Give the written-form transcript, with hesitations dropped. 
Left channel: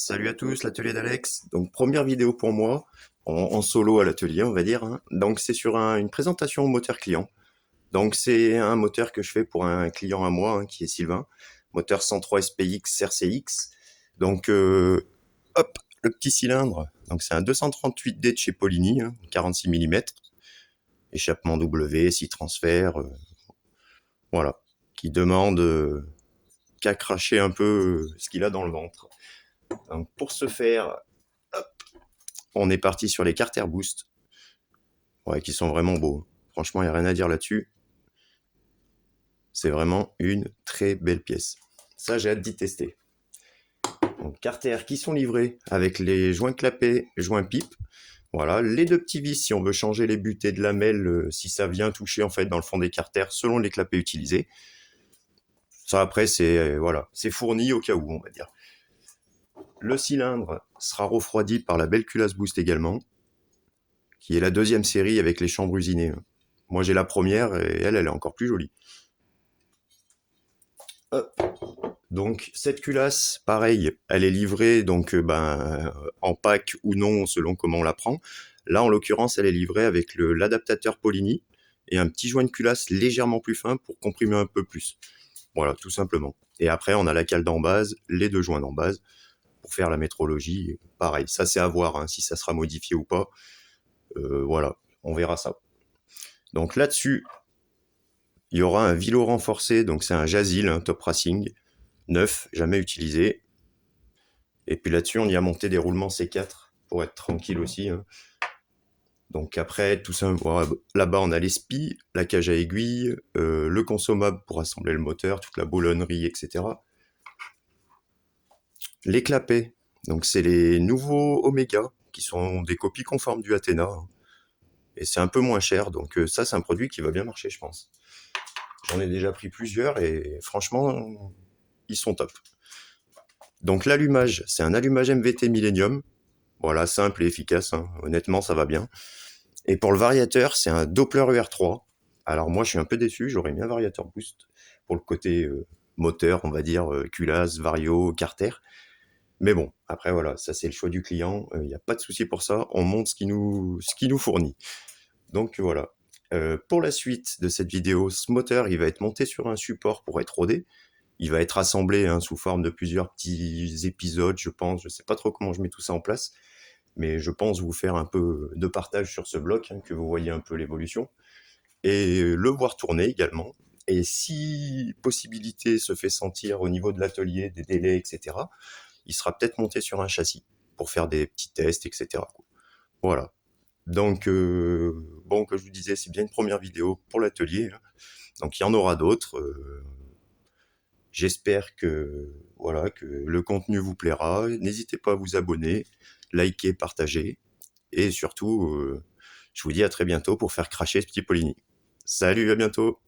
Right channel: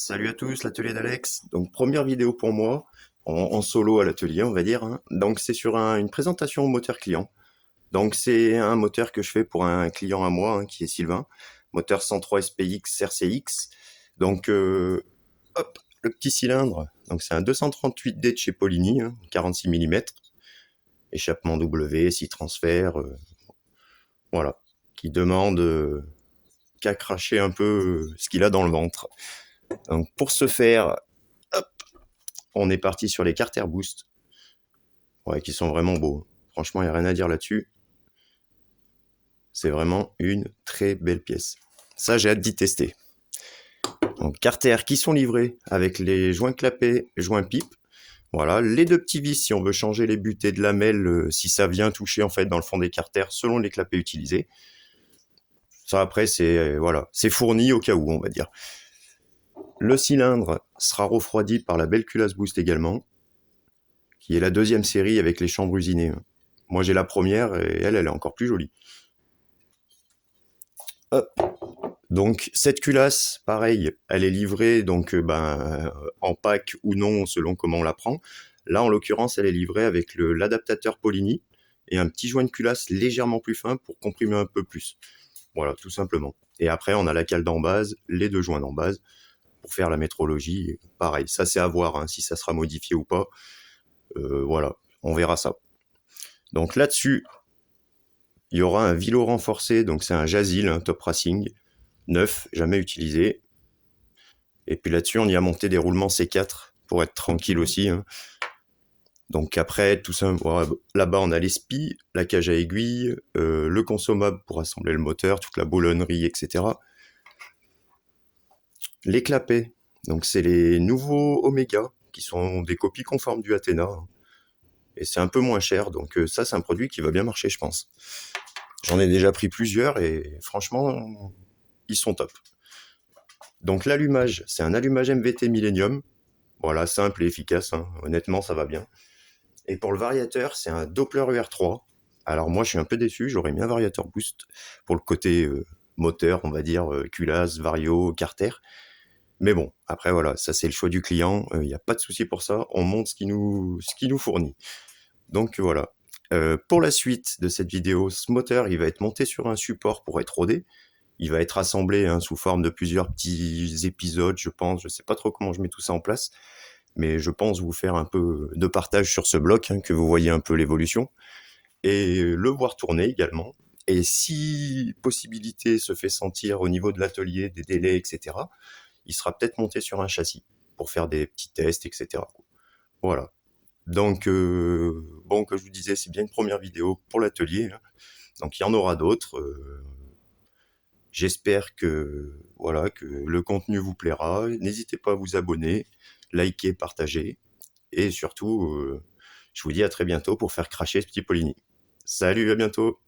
Salut à tous, l'atelier d'Alex. Donc première vidéo pour moi, en solo à l'atelier on va dire, hein. Donc c'est sur une présentation au moteur client. Donc c'est un moteur que je fais pour un client à moi, hein, qui est Sylvain. Moteur 103 SPX RCX. Donc hop, le petit cylindre. Donc c'est un 238D de chez Polini, hein, 46 mm. Échappement W, 6 transferts, voilà. Qui demande qu'à cracher un peu ce qu'il a dans le ventre. Donc pour ce faire, hop, on est parti sur les Carter Boost, ouais, qui sont vraiment beaux. Franchement, il n'y a rien à dire là-dessus. C'est vraiment une très belle pièce. Ça, j'ai hâte d'y tester. Donc Carter qui sont livrés avec les joints clapets, joints pipe. Voilà, les deux petits vis si on veut changer les butées de lamelles, si ça vient toucher en fait dans le fond des carters selon les clapets utilisés. Ça après c'est voilà, c'est fourni au cas où on va dire. Le cylindre sera refroidi par la belle culasse Boost également, qui est la deuxième série avec les chambres usinées. Moi j'ai la première et elle est encore plus jolie. Hop. Donc cette culasse, pareil, elle est livrée donc en pack ou non selon comment on la prend. Là en l'occurrence elle est livrée avec l'adaptateur Polini et un petit joint de culasse légèrement plus fin pour comprimer un peu plus. Voilà, tout simplement. Et après on a la cale d'embase, les deux joints d'embase pour faire la métrologie. Pareil, ça c'est à voir, hein, si ça sera modifié ou pas. Voilà, on verra ça. Donc là-dessus, il y aura un vilo renforcé, donc c'est un Jazil, un Top Racing, neuf, jamais utilisé. Et puis là-dessus, on y a monté des roulements C4 pour être tranquille aussi, hein. Donc après, tout ça, là-bas, on a les spies, la cage à aiguille, le consommable pour assembler le moteur, toute la boulonnerie, etc. Les clapets, donc c'est les nouveaux Omega, qui sont des copies conformes du Athena, hein. Et c'est un peu moins cher, donc ça, c'est un produit qui va bien marcher, je pense. J'en ai déjà pris plusieurs et franchement, ils sont top. Donc l'allumage, c'est un allumage MVT Millennium. Voilà, simple et efficace, hein. Honnêtement, ça va bien. Et pour le variateur, c'est un Doppler UR3. Alors moi, je suis un peu déçu, j'aurais mis un variateur Boost pour le côté moteur, on va dire, culasse, vario, carter. Mais bon, après voilà, ça c'est le choix du client, il n'y a pas de souci pour ça, on monte ce qu'il nous fournit. Donc voilà. Pour la suite de cette vidéo, ce moteur, il va être monté sur un support pour être rodé. Il va être assemblé, hein, sous forme de plusieurs petits épisodes, je pense. Je sais pas trop comment je mets tout ça en place, mais je pense vous faire un peu de partage sur ce bloc, hein, que vous voyez un peu l'évolution, et le voir tourner également. Et si possibilité se fait sentir au niveau de l'atelier, des délais, etc., il sera peut-être monté sur un châssis pour faire des petits tests, etc. Voilà. Donc, bon, comme je vous disais, c'est bien une première vidéo pour l'atelier, hein. Donc, il y en aura d'autres. J'espère que, voilà, que le contenu vous plaira. N'hésitez pas à vous abonner, liker, partager. Et surtout, je vous dis à très bientôt pour faire cracher ce petit Polini. Salut, à bientôt!